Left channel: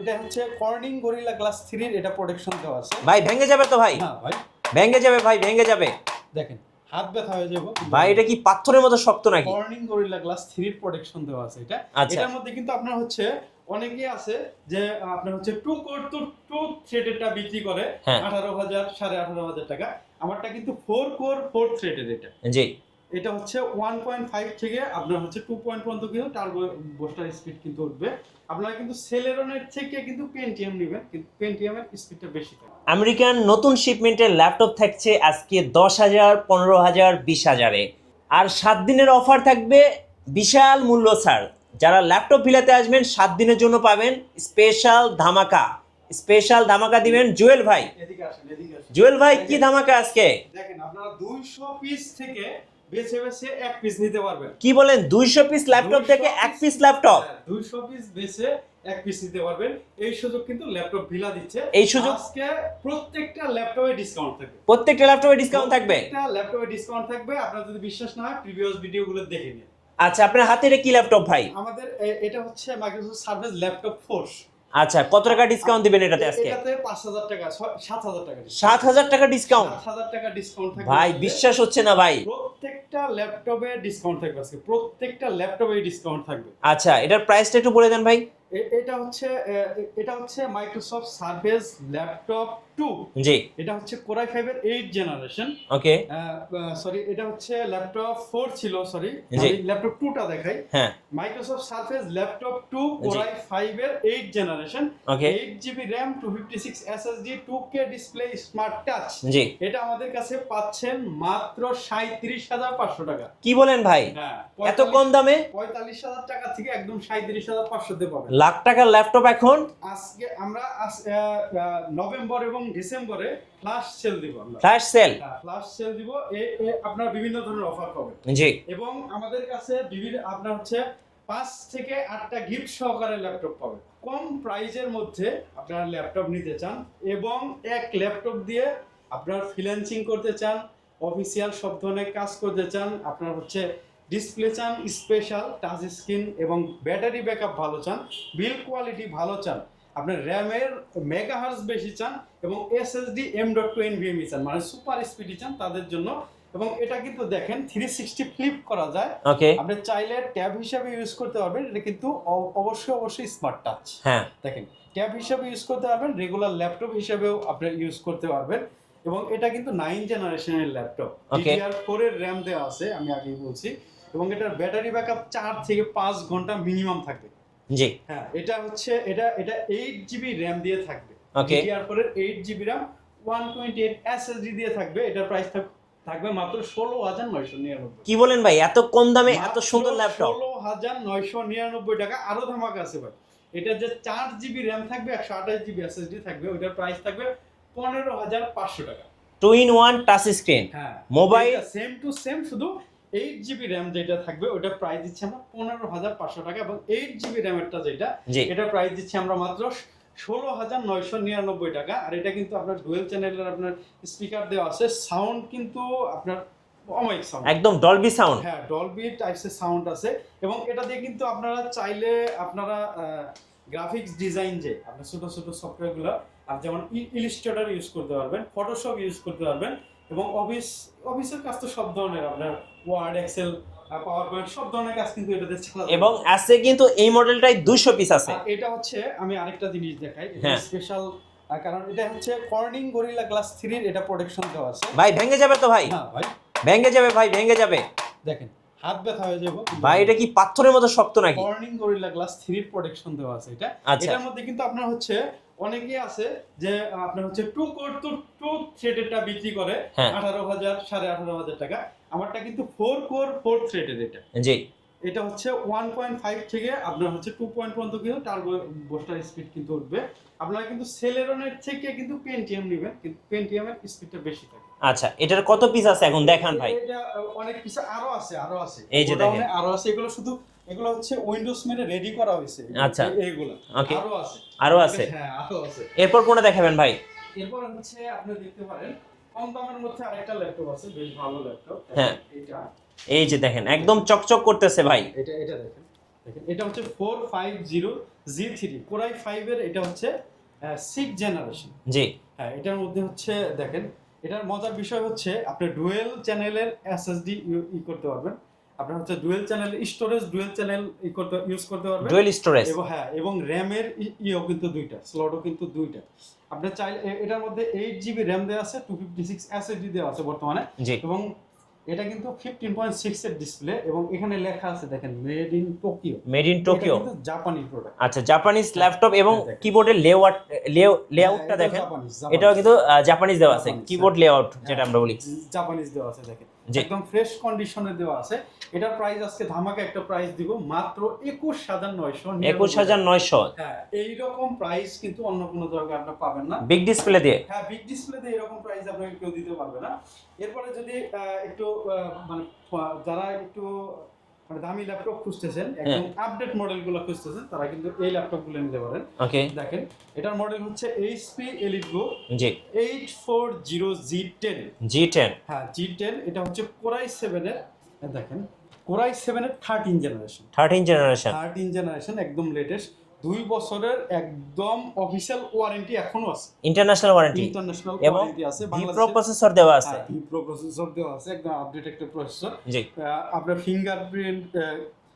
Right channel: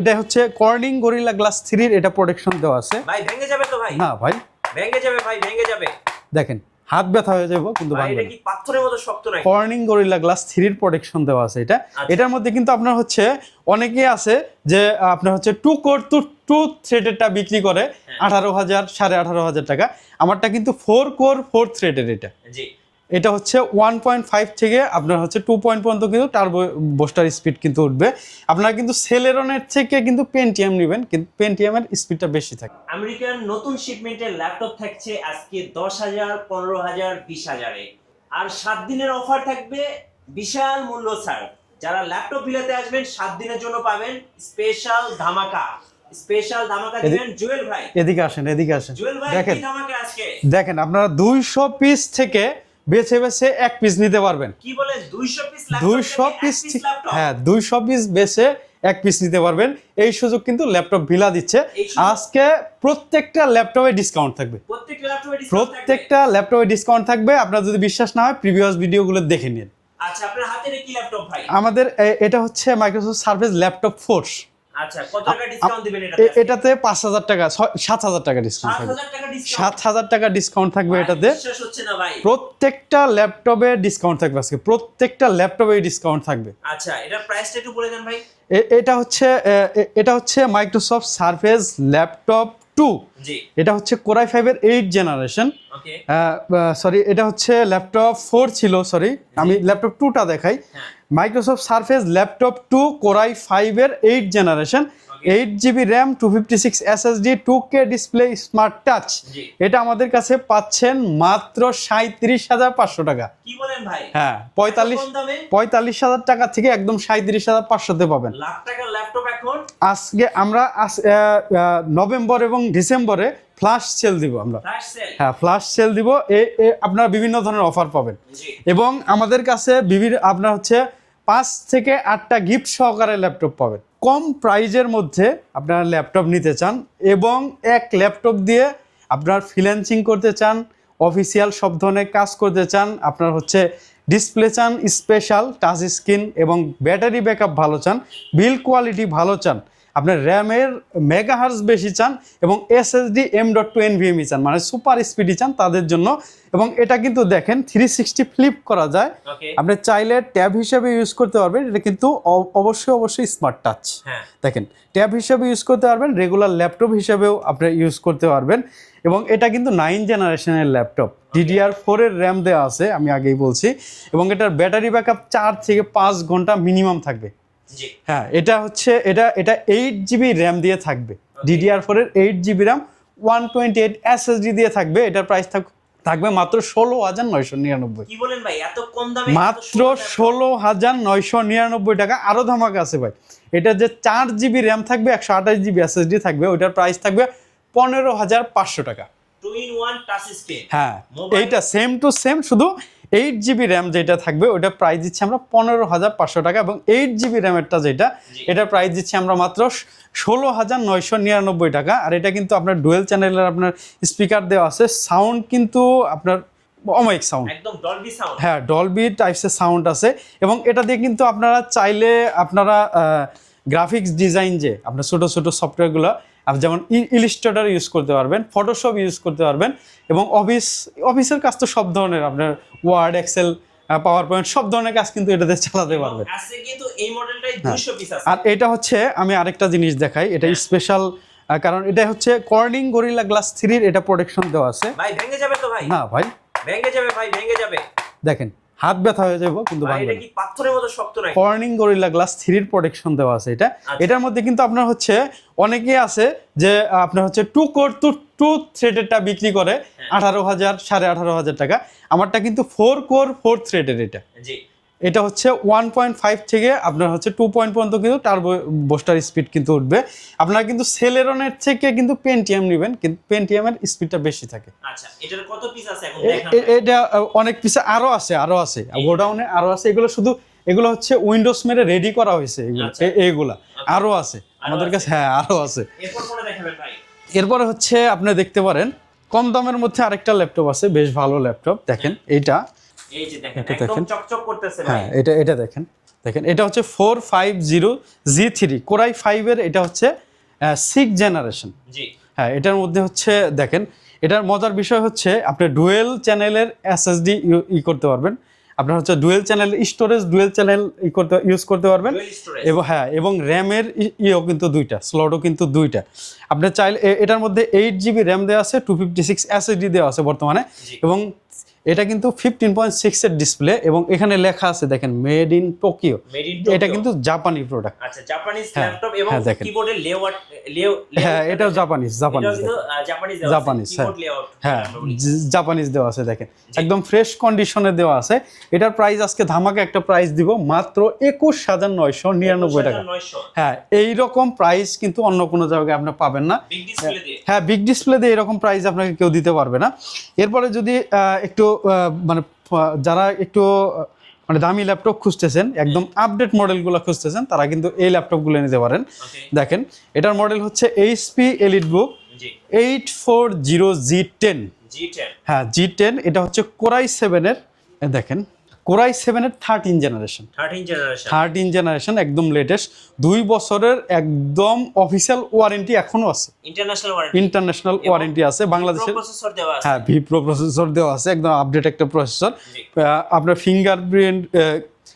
এটা হচ্ছে Corning Gorilla glass থ্রির এটা প্রোটেকশন দেওয়া আছে। ভাই ভেঙে যাবে তো ভাই? না ভাই। ভেঙে যাবে ভাই ভেঙে যাবে। দেখেন হাত ব্যথা হয়ে যাব কিন্তু ভাই এটা কি পাথরের মতো শক্ত নাকি? কর্নিং গরিলা গ্লাস থ্রির প্রোটেকশন দেওয়া আছে এটা। আচ্ছা। এটার মধ্যে কিন্তু আপনার হচ্ছে অনেকেই আছে যে আপনার হচ্ছে টু কোর টু টু থ্রেডেরটা বিক্রি করে হ্যাঁ। আঠারো হাজার সাড়ে আঠারো হাজার টাকা। আমারটা কিন্তু ফোর কোর ফোর থ্রেডের এটা। জি। এটা হচ্ছে ওয়ান পয়েন্ট ফাইভ থেকে আপনার হচ্ছে টু পয়েন্ট পর্যন্ত কিন্তু টার্বো বোস্টার স্পিড কিন্তু উঠবে। আপনারা কিন্তু সেলেরনের থেকে কিন্তু পেন্টিএম নেবেন কিন্তু পেন্টিএমের স্পিডটা বেশি থাকে। আমেরিকান নতুন শিপমেন্টের ল্যাপটপ থাকছে আজকে দশ হাজার পনেরো হাজার বিশ হাজারে। আর সাত দিনের অফার থাকবে বিশাল মূল্য ছাড় যারা ল্যাপটপ বিলাতে আসবেন সাত দিনের জন্য পাবেন স্পেশাল ধামাকা। স্পেশাল ধামাকা দিবেন জুয়েল ভাই। এদিকে আসেন এদিকে আসেন। জুয়েল ভাই কি ধামাকা আজকে? দেখেন আপনারা দুইশো পিস থেকে বেছে বেছে এক পিস নিতে পারবেন। কি বলেন দুইশো পিস ল্যাপটপ দুইশো থেকে এক পিস ল্যাপটপ হ্যাঁ দুইশো পিস বেছে এক পিস নিতে পারবেন। এই সুযোগ কিন্তু ল্যাপটপ ভিলা দিচ্ছে। এই আজকে প্রত্যেকটা ল্যাপটপে ডিসকাউন্ট থাকবে। প্রত্যেকটা ল্যাপটপে ডিসকাউন্ট থাকবে? প্রত্যেকটা ল্যাপটপে ডিসকাউন্ট থাকবে। আপনার যদি বিশ্বাস না হয় প্রিভিয়াস ভিডিওগুলো দেখে নিন। আচ্ছা আপনার হাতে কি ল্যাপটপ ভাই? আমাদের এটা হচ্ছে মাইক্রোসফট সার্ভিস ল্যাপটপ ফোর্স আচ্ছা কত টাকা ডিসকাউন্ট দিবেন এটাতে এটাতে পাঁচ হাজার টাকা ছয়- সাত হাজার টাকা সাত ডিসকাউন্ট হাজার টাকা ডিসকাউন্ট সাত হাজার টাকা ডিসকাউন্ট থাকবে এটাতে। বিশ্বাস হচ্ছে না ভাই। প্রত্যেকটা ল্যাপটপে ডিসকাউন্ট থাকবে আজকে। প্রত্যেকটা ল্যাপটপে ডিসকাউন্ট থাকবে। আচ্ছা এটার প্রাইসটা একটু বলে দেন ভাই। এটা হচ্ছে এটা হচ্ছে মাইক্রোসফট সার্ফেস ল্যাপটপ টু। জি। এটা হচ্ছে কোরাই ফাইভের এইট জেনারেশন। ওকে। সরি এটা হচ্ছে ল্যাপটপ ফোর ছিল সরি আমি ল্যাপটপ টুটা দেখাই। হ্যাঁ। Microsoft Surface laptop two core i ফাইভের eight generation. Eight GB RAM two fifty six SSD two K display smart touch. জি। এটা আমাদের কাছে পাচ্ছেন মাত্র সাঁত্রিশ হাজার পাঁচশো টাকা। কি বলেন ভাই? হ্যাঁ পঁয়তাল্লিশ দামে? পঁয়তাল্লিশ হাজার টাকা থেকে একদম সাঁত্রিশ হাজার পাঁচশোতে পাবেন। লাখ টাকার ল্যাপটপ এখন? আজকে আমরা নভেম্বর এবং ডিসেম্বরে ফ্লাশ সেল দিব আমরা। ফ্ল্যাশ সেল হ্যাঁ ফ্লাশ সেল দিব। এ এ আপনারা বিভিন্ন ধরনের অফার পাবেন। জি। এবং আমাদের কাছে বিভিন্ন আপনার হচ্ছে পাঁচ থেকে আটটা গিফট সহকারে ল্যাপটপ পাবেন। কম প্রাইজের মধ্যে আপনারা ল্যাপটপ নিতে চান এবং এক ল্যাপটপ দিয়ে আপনার ফ্রিল্যান্সিং করতে চান অফিসিয়াল সব ধরনের কাজ করতে চান আপনার হচ্ছে ডিসপ্লে চান স্পেশাল টাচ স্ক্রিন এবং ব্যাটারি ব্যাকআপ ভালো চান বিল কোয়ালিটি ভালো চান আপনার র্যামের মেগাহার্স বেশি চান এবং SSD M dot two N NVMe চান মানে সুপার স্পিডি চান তাদের জন্য। এবং এটা কিন্তু দেখেন থ্রি সিক্সটি ফ্লিপ করা যায়। ওকে। আপনি চাইলে ট্যাব হিসেবে ইউজ করতে পারবেন এটা কিন্তু অবশ্যই অবশ্যই স্মার্ট টাচ হ্যাঁ। দেখেন ট্যাব হিসেবে ইউজ করতে পারবেন রেগুলার ল্যাপটপ হিসেবেও আপনি ইউজ করতে পারবেন। এবং এটা কিন্তু নাইন জেনারেশনের ল্যাপটপ ডিডিআর ফোরের র্যাম দেওয়া আছে আমি আগেই বলছি। এবং এটার ব্যাটারি ব্যাকআপ চার থেকে পাঁচ ঘণ্টা মিনিমাম থাকবে। জি। হ্যাঁ এটা হচ্ছে এটা এটা এইট জিবি র্যাম দিয়ে থাকবে। Eight GB RAM one twenty eight SSD দিয়ে থাকবে। এটার প্রাইস থাকবে মাত্র ষোলো হাজার নয়শো নিরানব্বই। কি বলেন ভাই এত কম দামে মাত্র ষোলো হাজার নয়শো নিরানব্বই টাকা আরও ধামাকা আছে ভাই। এটা যে চার জিবি র্যাম থাকবে একশো আঠাশ জিবি এসএসডি থাকবে ওইটার প্রাইস থাকবে পনেরো হাজার পাঁচশো টাকা। Two in one touch screen হ্যাঁ এইটা সেম টু সেম শুধু এইট জিবি র্যাম যেটা থাকবে ওইটা প্রাইস দিচ্ছি আমরা পনেরো হাজার পাঁচশো টাকা এবং এইট জিবি র্যামেরটা যেটা। এটা প্রাইস দিচ্ছি আমরা মাত্র ষোলো হাজার নয়শো নিরানব্বই টাকা। আর এটা কিন্তু আপনার ডুয়েল চ্যানেলের আপনার স্পিকার দেওয়া আছে। সাউন্ড কিন্তু আপনার অমায়িক সাউন্ড একদম ডলবি সাউন্ড হ্যাঁ ডলবি টাইপসের সাউন্ড আছে এবং এটা দিয়ে কিন্তু আপনারা চাইলে আপনারা গ্রাফিক্স ডিজাইন যে আপনার ছোটো ছোটো সফটওয়্যারগুলো যেমন ইলিস্ট্রেটর ইউজ করতে পারবেন ফটোশপ ইউজ করতে পারবেন এবং অফিস অফিসের কাজ তো সব ধরনের আপনার ওয়ার্ড এক্সেল পাওয়ার পয়েন্ট সব ধরনের কাজ কিন্তু এটাতে চালাতে এবং আছে কিন্তু এই মডেলটাই দুশো পিস আছে। আর এটা হচ্ছে আমি আরেকটা জিনিস দেখাই এটা হ্যাঁ। স্পেশাল কারণ এটা হচ্ছে কর্নিং গরিলা গ্লাস থ্রির এটা প্রোটেকশন দেওয়া আছে। ভাই ভেঙে যাবে তো ভাই। না ভাই। ভেঙে যাবে ভাই ভেঙে যাবে। দেখেন হাত ব্যথা হয়ে যাব কিন্তু ভাই এটা কি পাথরের মতো শক্ত নাকি? কর্নিং গরিলা গ্লাস থ্রির প্রোটেকশন দেওয়া আছে এটা। আচ্ছা। এটার মধ্যে কিন্তু আপনার হচ্ছে অনেকেই আছে যে আপনার হচ্ছে টু কোর টু টু থ্রেডেরটা বিক্রি করে হ্যাঁ। আঠারো হাজার সাড়ে আঠারো হাজার টাকা। আমারটা কিন্তু ফোর কোর ফোর থ্রেডের এটা। জি। এটা হচ্ছে ওয়ান পয়েন্ট ফাইভ থেকে আপনার হচ্ছে টু পয়েন্ট পর্যন্ত কিন্তু টার্বো বোস্টার স্পিড কিন্তু উঠবে আপনারা কিন্তু সেলেরনের থেকে কিন্তু পেন্টিএম নেবেন কিন্তু পেন্টিএমের স্পিডটা বেশি থাকে আচ্ছা এটার কত পিস আছে এখন দেখান। এটা অনেক পিছে আরও আছে আরও আছে গোডাউনে আরও আছে এগুলো শুধু এগুলো হচ্ছে উইন্ডোজ মেরে রেডি করা হয়েছে এগুলো। আচ্ছা। এ- এইগুলা Okay. আরও আছে আরও আছে? হ্যাঁ আরও আছে এরপর কোনটা দেখাবেন ভাই এরপরে হচ্ছে আপনি দেখতে পারেন কম দামের মধ্যে আরেকটা ল্যাপটপ আছে বেশ ভালো ল্যাপটপ দেখেন এইটা এই যে দেখেন একদম চকচক করতেছে ভাই। হ্যাঁ এটা এটা দেখেন। দেখেন এটা হচ্ছে four five zero G three core i ফাইভের এটা হচ্ছে সিক্স জেনারেশন জি। হ্যাঁ এটার মধ্যে হচ্ছে দেখেন এটার মজার বিষয় হচ্ছে আপনি ডুয়েল চ্যানেলের এসএসডি ই করতে পারবেন। আপনার হচ্ছে dual channel storage dual channel ই করতে ইউজ করতে পারবেন। ডুয়েল স্টোরেজ এবং হ্যাঁ এবং র্যামের ইয়েও কিন্তু দুইটা স্লটও কিন্তু দুইটা। আপনি চাইলে এটার মধ্যে এইট জিবি র্যাম দেওয়া আছে টু ফিফটি সিক্স এসএসডি দেওয়া আছে বর্তমানে। এবং এটা কিন্তু ফিফটিন পয়েন্ট সিক্সের ডিসপ্লে এবং এখানে লেখা আছে দেখেন made in Tokyo made in এটা কিন্তু জাপানি প্রোডাক্ট আচ্ছা জাপানিজ ল্যাপটপ এবং হ্যাঁ, কিবোর্ডের লেআউট লেআউট হ্যাঁ এটাও জাপানিজ জাপানিজ কিন্তু জাপানিজ দেওয়া আছে কিবোর্ড লেআউট হ্যাঁ। আমরা বলি। জাপানিজ দেওয়া আছে দেখেন। একদম ফ্রেশ কন্ডিশনে দেওয়া আছে। এটার প্রাইস আজকে ধামাকা একটা প্রাইস দিব মাত্র একুশ হাজার নয়শো। নিরানব্বই টাকা হ্যাঁ এই রকম প্রাইস কিন্তু অন্য কোনো জায়গায় আপনি পাবেন না। বিগ ডিসপ্লে দিয়ে। হ্যাঁ বিগ ডিসপ্লে দিয়ে এরকম প্রাইস আপনাকে কেউ দিতে পারবে না। এরপরে যদি একটু মানে যারা একটু মানে দামি ল্যাপটপ খুঁজতেছেন একদম আপডেট মডেলগুলো খুঁজতেছেন তারা কিন্তু এই ল্যাপটপগুলো নিতে পারেন। দেখেন এটার মডেল হচ্ছে HP EliteBook eight four zero G ten G ten হ্যাঁ জি টেন এটা হচ্ছে কোরাই সেভেনের দেখেন কোরাই সেভেনের thirteen generation thirteen generation thirteen generation একদম লেটেস্ট দুই বছরের একদম অফিসিয়াল ওয়ারেন্টি এখনও আছে। ইন্টারন্যাশনাল ওয়ারেন্টি ইন্টারন্যাশনাল ওয়ারেন্টি আছে। বাংলাদেশ প্রসেসর দেওয়া আছে। হ্যাঁ ভি প্রো প্রসেসর দেওয়া আছে। একদম আপডেট একটা প্রসেসর আপনার ফিঙ্গারপ্রিন্ট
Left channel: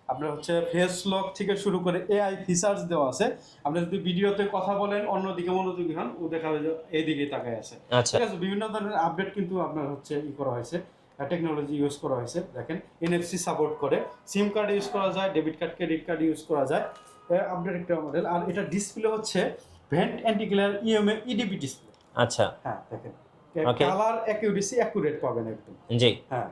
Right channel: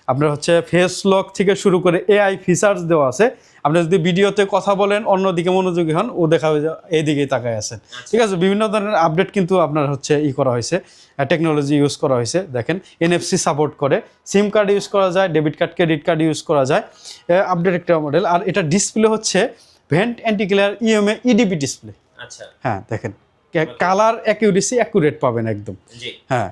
আপনার হচ্ছে ফেস লক থেকে শুরু করে এআই ফিচার্স দেওয়া আছে। আপনি যদি ভিডিওতে কথা বলেন অন্যদিকে মনোযোগী হন ও দেখা হয়ে যায় এইদিকেই তাকায় আছে। আচ্ছা। ঠিক আছে বিভিন্ন ধরনের আপডেট কিন্তু আপনার হচ্ছে ই করা হয়েছে টেকনোলজি ইউজ করা হয়েছে। দেখেন এনএফসি সাপোর্ট করে। সিম কার্ড ইউজ করা যায় debit card credit card use করা যায়। আপডেট একটা মডেল আর এটা ডিসপ্লে হচ্ছে ভেন্ট অ্যান্টিক্লিয়ার ইএমএ ইডিপি ডিসপ্লে আচ্ছা। হ্যাঁ দেখেন। কালার অ্যাকিউরেসি অ্যাকুরেট পাবেন একদম। জি। হ্যাঁ।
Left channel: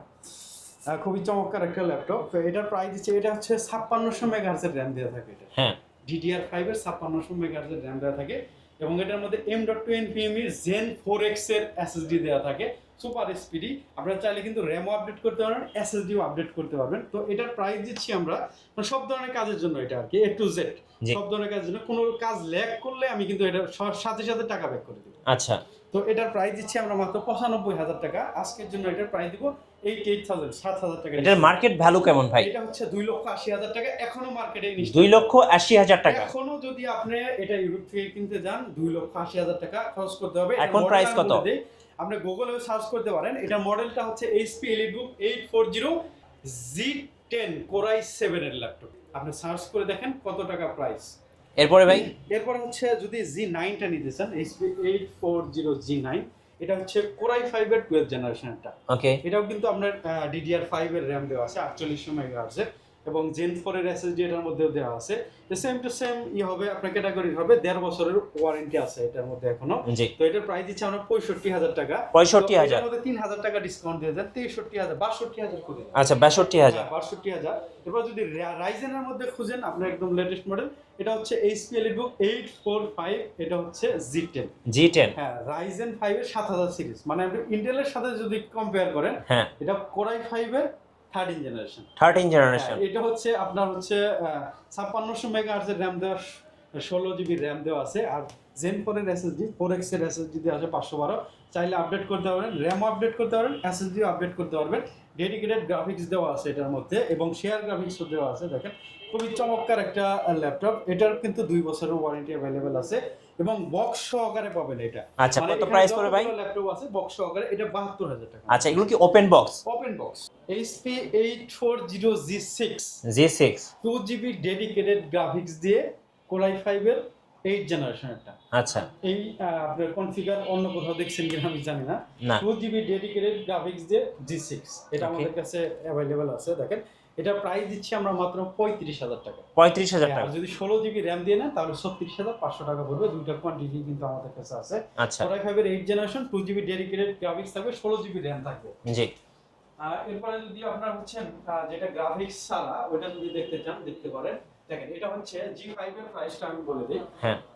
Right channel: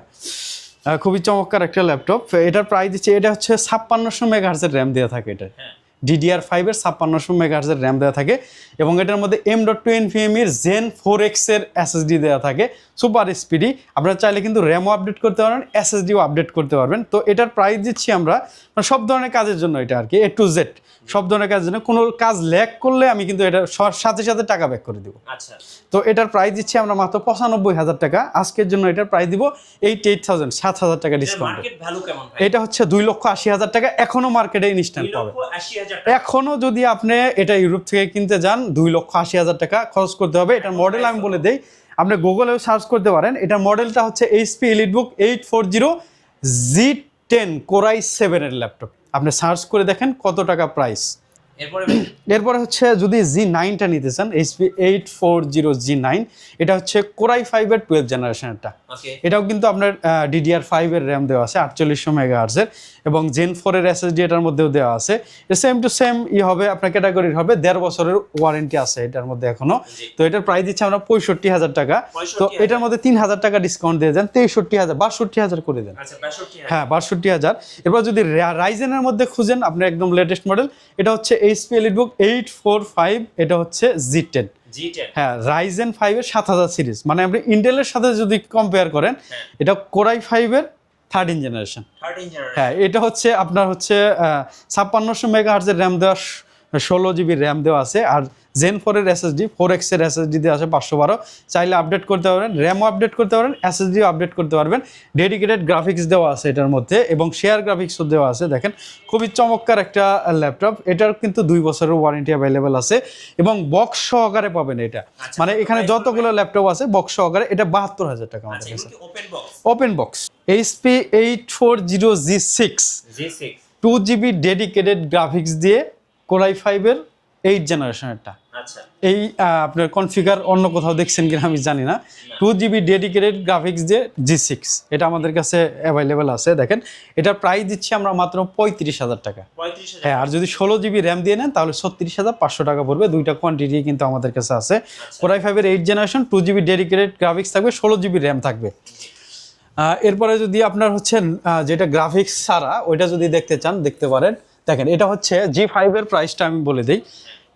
খুবই চমৎকার একটা ল্যাপটপ। এটার প্রাইস দিচ্ছে এটা হচ্ছে ছাপ্পান্নশো মেগাহার্জের র্যাম দেওয়া থাকে এটা হ্যাঁ। ডিডিআর ফাইভের ছাপ্পান্নশো মেগাহার্জের র্যাম দেওয়া থাকে এবং এটার মধ্যে এম ডট টু এনভিএমির জেন ফোর এক্সের এসএসডি দেওয়া থাকে। Super speedy. আপনারা চাইলে কিন্তু র্যামও আপডেট করতে পারবেন এসএসডিও আপডেট করতে পারবেন। তো এটার প্রাইস দিচ্ছি আমরা মানে সব ধরনের কাজের জন্য এটা আর কি এ টু জেড সব ধরনের কাজের জন্য। কোনো কাজ ল্যাক করলে আমি কিন্তু এটা সাথে সাথে টাকা ব্যাক করে দেবো। আচ্ছা। তো এটার প্রাইস দিচ্ছি আমরা মাত্র পঁচানব্বই হাজার টাকা। আজকের জন্য এটার প্রাইস দিব এইট এইট থাউজেন্ড সাত হাজার টাকা মার্কেট ভ্যালু কেমন এটা হচ্ছে দুই লক্ষ আশি হাজার টাকা এখনও মার্কেটে দুই লক্ষ আশি হাজার টাকা। এখনও যদি আপনি এটা ইউরোপ থেকে কিনতে যান দুই লক্ষ আশি হাজার টাকা খরচ করতে হবে। এটার মডেল আমি বলে দেই আপনি গুগলেও সার্চ করতে পারেন। এটার মডেলটা হচ্ছে HP EliteBook eight four zero G ten core i সেভেনের ল্যাপটপ আপনি সার্চ করে দেখেন কত টাকা প্রাইস এরপরে ভাই? এরপরে হচ্ছে যদি জি নাইনটা নিতে চান HP eight four zero G nine এটা হচ্ছে কোরাই ফাইভের টুয়েলভ জেনারেশনেরটা ওকে এটাও কিন্তু আপনার ডিডিআর ফাইভের র্যাম দেওয়া আছে আটচল্লিশশো মেগা আর্সের এবং জেন ফোরের এসএসডি এটার মধ্যেও দেওয়া আছে। সেম টু সেম ই হবে আপনার ক্যাটাগরির হবে দেড় বছরের ওয়ারেন্টি আছে এটার মধ্যে এখনও। তো এটার প্রাইস দিচ্ছে আমরা পঁয়ষট্টি হাজার টাকা। 65,000 এটার মধ্যে তিন হাজার টাকা ডিসকাউন্ট দিয়ে দেন তেষট্টি হাজার বাষট্টি হাজার করে দেন। আচ্ছা বাষট্টি হ্যাঁ বাষট্টি হাজার। এরপর যদি রাইজেনের মধ্যে খুঁজেন আপনি একদম লেটেস্ট মডেল এটা হচ্ছে HP EliteBook eight four five এটা হচ্ছে জি টেন জি টেন হ্যাঁ রাইজেন ফাইভের সাত হাজার সিরিজ। মানে আপনি ইন্টেলের সাথে যদি কম্পেয়ার করেন হ্যাঁ। এটা কোরাই ফাইভের থার্টিন জেনারেশন থার্টিন জেনারেশন হ্যাঁ এটা হচ্ছে আপনার হচ্ছে ছাপ্পান্নশো মেগা হার্জের র্যাম দেওয়া ষোলো জিবি র্যাম দেওয়া আছে আর জেন ফোরের এসএসডি ফোর এক্সের এসএসডি দেওয়া আছে পাঁচশো বারো। চাইলে আপডেট করতে পারবেন র্যামও আপডেট করতে পারবেন এসএসডিও আপডেট করতে পারবেন। ডেডিকেটেড গ্রাফিক্স দেওয়া আছে এটার মধ্যে এবং শেয়ার গ্রাফিক্সও দেওয়া আছে দেখেন। খুবই চমৎকার একটা ল্যাপটপ এটার কিন্তু দুই বছরের ওয়ারেন্টি অ্যাভেলেবেল আছে এবং বক্স সহকারে পাবেন এটা। আচ্ছা, মানে এখানে যতগুলো ল্যাপটপ আছে বক্স সহকারে এটা বাহাত্তর হাজার টাকা আচ্ছা এগুলো কি open box open box HP eight four zero G six G six two GB dedicated graphics দিয়ে কোরাই ফাইভের এইট জেনারেশনেরটা আচ্ছা। এই আপনার কনফিগার অন্য কোথাও দেখছেন কিনা আমি জানি না। টু জিবি ডেডিকেটেড গ্রাফিক্স যে জি সিক্স এটা আমাদের কাছে অ্যাভেলেবেল আছে দেখেন। এটার প্রাইস দিচ্ছি আমরা মাত্র পঁয়ত্রিশ হাজার টাকা। পঁয়ত্রিশ হাজার হ্যাঁ আর যদি ষোলো জিবি র্যাম দিয়ে নেন তাহলে ছত্রিশ হাজার পাঁচশো টাকা পড়বে দুইটা কোয়ান্টিটি কিন্তু আমাদের কাছে আছে। কোরাই ফাইভের eight generation two GB dedicated graphics থাকবে ষোলো জিবি র্যাম থাকবে। জি। এরপরে যদি আপনার হচ্ছেন যেটা গ্রাফিক্স ছাড়া ওইটা যদি দেখতে চান দেখতে পারেন। দেখেন এটা হচ্ছে জি ফাইভের প্রাইসটা আমি বলে দিই।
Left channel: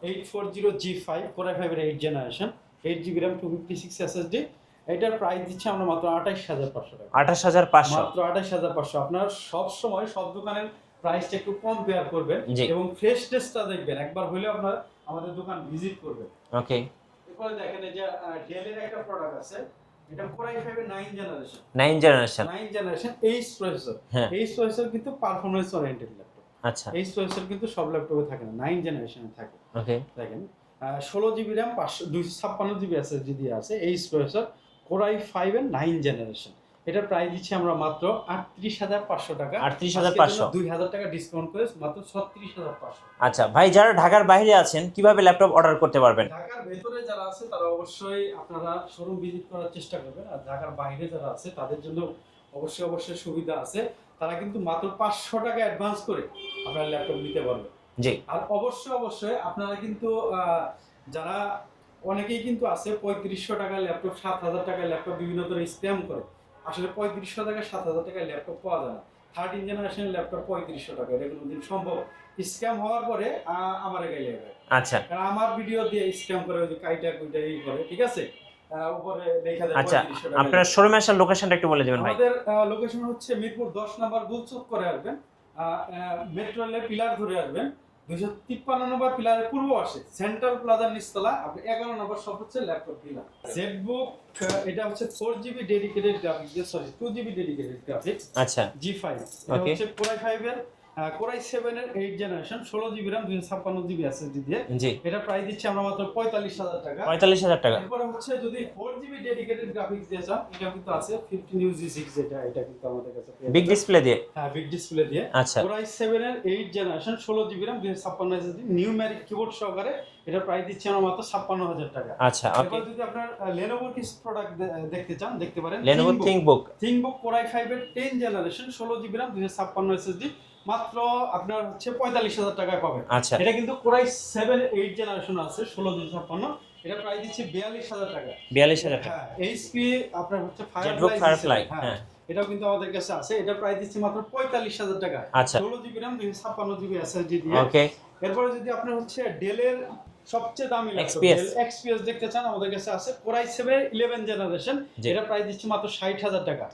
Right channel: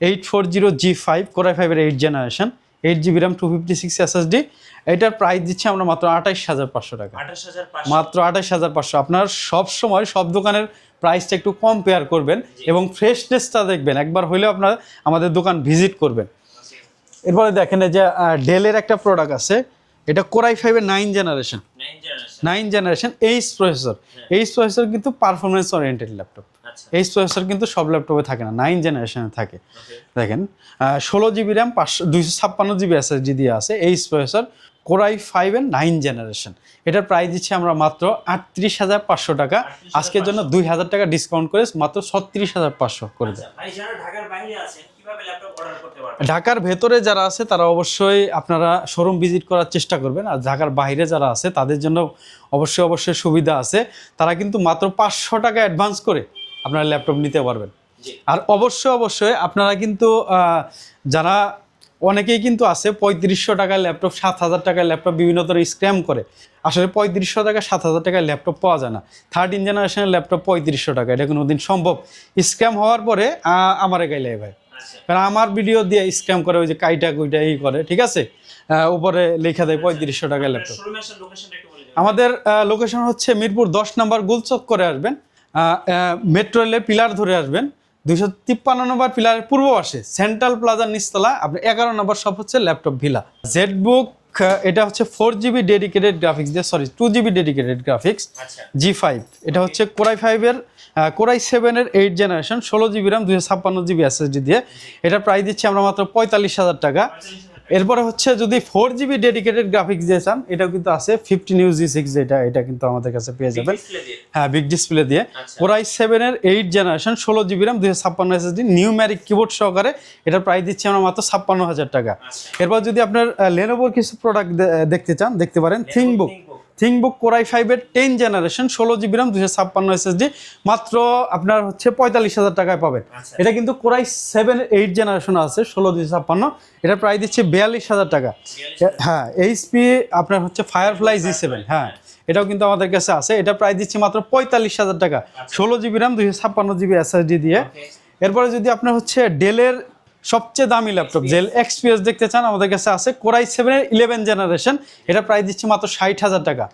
Eight four zero G five core i ফাইভের eight generation eight GB RAM two fifty six SSD এটার প্রাইস দিচ্ছি আমরা মাত্র আঠাইশ হাজার পাঁচশো টাকা। আঠাশ হাজার পাঁচশো। মাত্র আঠাইশ হাজার পাঁচশো। আপনার সব সময় সব দোকানের প্রাইসটা একটু কম্পেয়ার করবেন এবং ফ্রেশনেসটা দেখবেন। একবার হলেও আপনার আমাদের দোকান ভিজিট করবেন। ওকে এরপরে দেখেন এই যে ডেলের একটা প্রোডাক্ট আছে। এটা কোরাই ফাইভের nine generation nine generation nine generation H processor. H processor কিন্তু পারফরমেন্স ওরিয়েন্টেড ল্যাপটপ আচ্ছা। এইচ প্রসেসর কিন্তু সব ল্যাপটপে থাকে না নাইন জেনারেশনে থাকে। দেখেন ষোলো জিবি র্যাম পাঁচশো দুইশো ছাপ্পান্ন জিবি এসএসডি দিয়ে আছে H processor core i five এর নাইন জেনারেশন এটার প্রাইস দিচ্ছি আমরা মাত্র আটত্রিশ হাজার পাঁচশো টাকা। আজকের জন্য দুই হাজার টাকা ডিসকাউন্ট করে মাত্র ছত্রিশ হাজার পাঁচশো আচ্ছা ভাই যারা ঢাকার বাইরে আছেন কীভাবে ল্যাপটপ অর্ডার করতে পারবেন? ঢাকার ভেতরে যারা আছে তারা অবশ্যই আপনারা শোরুম ভিজিট করার চেষ্টা করবেন। আর ঢাকার বাইরে যারা আছে তাদের জন্য অবশ্যই অবশ্যই সুবিধা আছে। তারা কিন্তু মাত্র পাঁচশো টাকা অ্যাডভান্স করে আপনারা ল্যাপটপ নিতে পারবেন। জি। আর অবশ্যই অবশ্যই আপনারা কিন্তু যারা অনেকেই কিন্তু আছে পঁয়ত্রিশশো টাকার ল্যাপটপ সাত হাজার টাকার ল্যাপটপ বিভিন্ন ধরনের স্ক্যাম করে। আসলে পঁয়ত্রিশশো টাকা সাত হাজার টাকার ল্যাপটপ পাওয়া যায় না। থার্টিন জেনারেশনের ল্যাপটপ পঁয়ত্রিশশো টাকা এটা কোনো দিন সম্ভব। স্ক্যাম হওয়ার পরে আমারে গাইলে ভাই। আচ্ছা। কারণ আমার ভিডিও দিয়ে স্ক্যাম করে ওই যে কাইটা কুইটা এই করে ঠিক আছে? উপরে লেখা দেয় পঁয়ত্রিশশো টাকা ল্যাপটপ। শোরুমে আসার লোকেশনটা একটু বলে দিবেন আমাদের লোকেশন হচ্ছে মিরপুর দশ নম্বর গুলচক করে আসবেন মেট্রো রেলে পিলার ধরে আসবেন। দুইশো তিপ্পান্ন নম্বর পিলারের পূর্ব পাশে সেন্ট্রাল প্লাজার নিচতলা, আপনি এগারো নম্বর সব হচ্ছে ল্যাপটপ ভিলা। জেড বুক এটা হচ্ছে ফোর জিবি ডেডিকেটেড গ্রাফিক্স দিয়ে sorry two GB dedicated graphics আচ্ছা। জি ফাইভ এটা হচ্ছে কোরাই ফাইভের কোরাই সেভেনের এইট জেনারেশন ষোলো জিবি র্যাম দুইশো ছাপ্পান্ন জিবি এসএসডি দিয়ে। এটা প্রাইস দিচ্ছি আমরা মাত্র পঁয়তাল্লিশ হাজার টাকা। পঁয়তাল্লিশ হাজার টাকা। এরপরে হচ্ছে যদি ফোর জিবি ডেডিকেটেড গ্রাফিক্স দিয়ে চান এটাও কিন্তু আছে ফিফটিন ইউ জি সিক্স এটা এটা কিন্তু আমাদের কাছে পেয়ে যাবে ডিসপ্লে দিয়ে? হ্যাঁ বিগ ডিসপ্লে দিয়ে। কোরাই সেভেনের এইট জেনারেশন ষোলো জিবি র্যাম দুইশো ছাপ্পান্ন এসএসডি নিউম্যারিক কিবোর্ড সহকারে এটা প্রাইস দিচ্ছি আমরা মাত্র ছাপ্পান্ন হাজার টাকা। আচ্ছা। এরপর যদি আপনার লেনোভোর কিছু প্রোডাক্ট দেখতে চান দেখতে পারেন থিংবুক থিংবুক কোরাই ফাইভের টেন জেনারেশন ষোলো জিবি র্যাম দুশো ছাপ্পান্ন এসএসডি মাত্র আপনার হচ্ছে পঁয়তাল্লিশ হাজার টাকায় পাবেন আচ্ছা। এটা কিন্তু কোরাই সেভেন এইট জেনারেশন আছে ষোলো দুশো ছাপ্পান্ন। এটা প্রায় দিচ্ছে বিয়াল্লিশ হাজার টাকা। হ্যাঁ এইচপি আপনার হচ্ছে ফায়ারফ্লাই জি সেভেন হ্যাঁ। হ্যাঁ। এটাও কিন্তু আমাদের কাছে আছে। এটা প্রায় দিচ্ছে মাত্র পঁয়তাল্লিশ হাজার টাকা। আচ্ছা। ষোলো জিবি র্যাম দুশো ছাপ্পান্ন জিবি এসএসডি দিয়ে। এরপরে যদি আপনার হচ্ছে ডেলের সবচেয়ে দামি ল্যাপটপ ডেল এক্সপিএস দেখতে চান আমাদের কাছে আছে কোরাই সেভেনের ইলেভেন জেনারেশন এটা প্রায় দিচ্ছে মাত্র ষাট হাজার টাকা।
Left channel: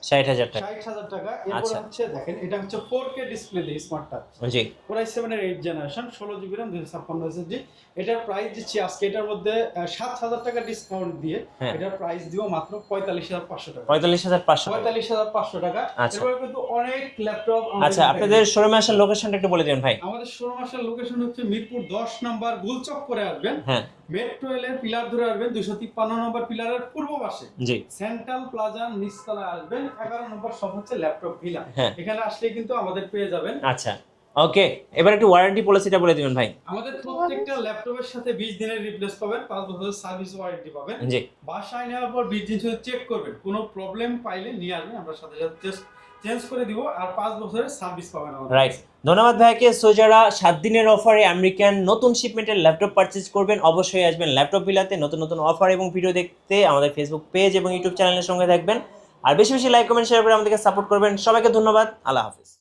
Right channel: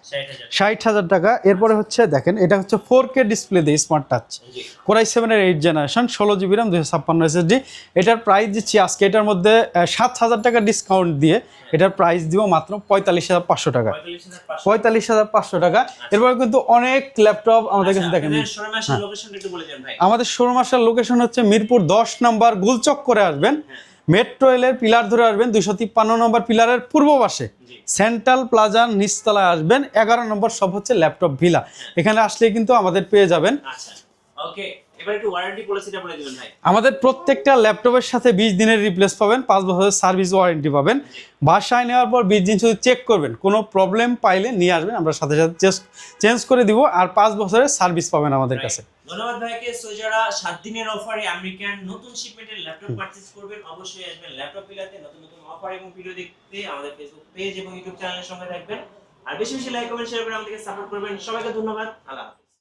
ষাট হাজার টাকা। এরপরে আচ্ছা। হচ্ছে দেখেন এটা হচ্ছে ফোর কে ডিসপ্লে দিয়ে স্মার্ট টাচ জি। কোরাই সেভেনের এইট জেনারেশন ষোলো জিবি র্যাম দুশো ছাপ্পান্ন এসএসডি এটার প্রাইস দিচ্ছি আজকে এটার মধ্যে সাত হাজার টাকা ডিসকাউন্ট দিয়ে হ্যাঁ। এটার প্রাইস দিব মাত্র পঁয়তাল্লিশ হাজার পাঁচশো টাকা। পঁয়তাল্লিশ হাজার পাঁচশো পঁয়তাল্লিশ হাজার পাঁচশো টাকা। আচ্ছা। এরপরে কিন্তু অনেক ল্যাপটপ আমাদের আচ্ছা কাছে শোরুমে আসার লোকেশনটা একটু বলে দিবেন ভাই। আমাদের শোরুম আসার লোকেশন হচ্ছে মিরপুর দশ নম্বর গুলচক করে আসবেন মেট্রো রেলের পিলার ধরে আসবেন দুইশো তিপ্পান্ন নম্বর পিলারের পূর্ব পাশে। সেন্ট্রাল প্লাজার নিচতলায় আসবেন এগারো নম্বর সব হচ্ছে ল্যাপটপ ভিলা। এখানে আসলে কিন্তু আমাদের পেয়ে যাবেন। আচ্ছা। ওকে এবার একটু ওয়ারেন্টি পলিসিটা বলে দিবেন ভাই। আমাদের প্রত্যেকটা ল্যাপটপের সাথে বিশ দিনের রিপ্লেস পাবেন পাঁচ বছরের সার্ভিস ওয়ারেন্টি পাবেন। বাসায় নেওয়ার পর বিশ দিন শুধু চেক করবেন কোনো প্রবলেম পাইলে নিয়ে আসবেন আমরা সাথে সাথে চেঞ্জ করে দিব আর পাঁচ বছরের সার্ভিস পাবেন আমাদের কাছে। ধন্যবাদ ভাইকে। সো যারা সাত দিনের অফারে আমেরিকান নতুন শিপমেন্টের ল্যাপটপ পারচেজ করবেন অবশ্যই আসবেন ল্যাপটপ বিলাতে নতুন নতুন অফার এবং ভিডিও দেখতে আমাদের ফেসবুক পেজ এবং ইউটিউব চ্যানেলের সঙ্গে থাকবেন। আর বেশি বেশি লাইক কমেন্ট শেয়ার করে আমাদেরকে সাপোর্ট করবেন। সবাইকে ধন্যবাদ। আল্লাহ হাফিজ।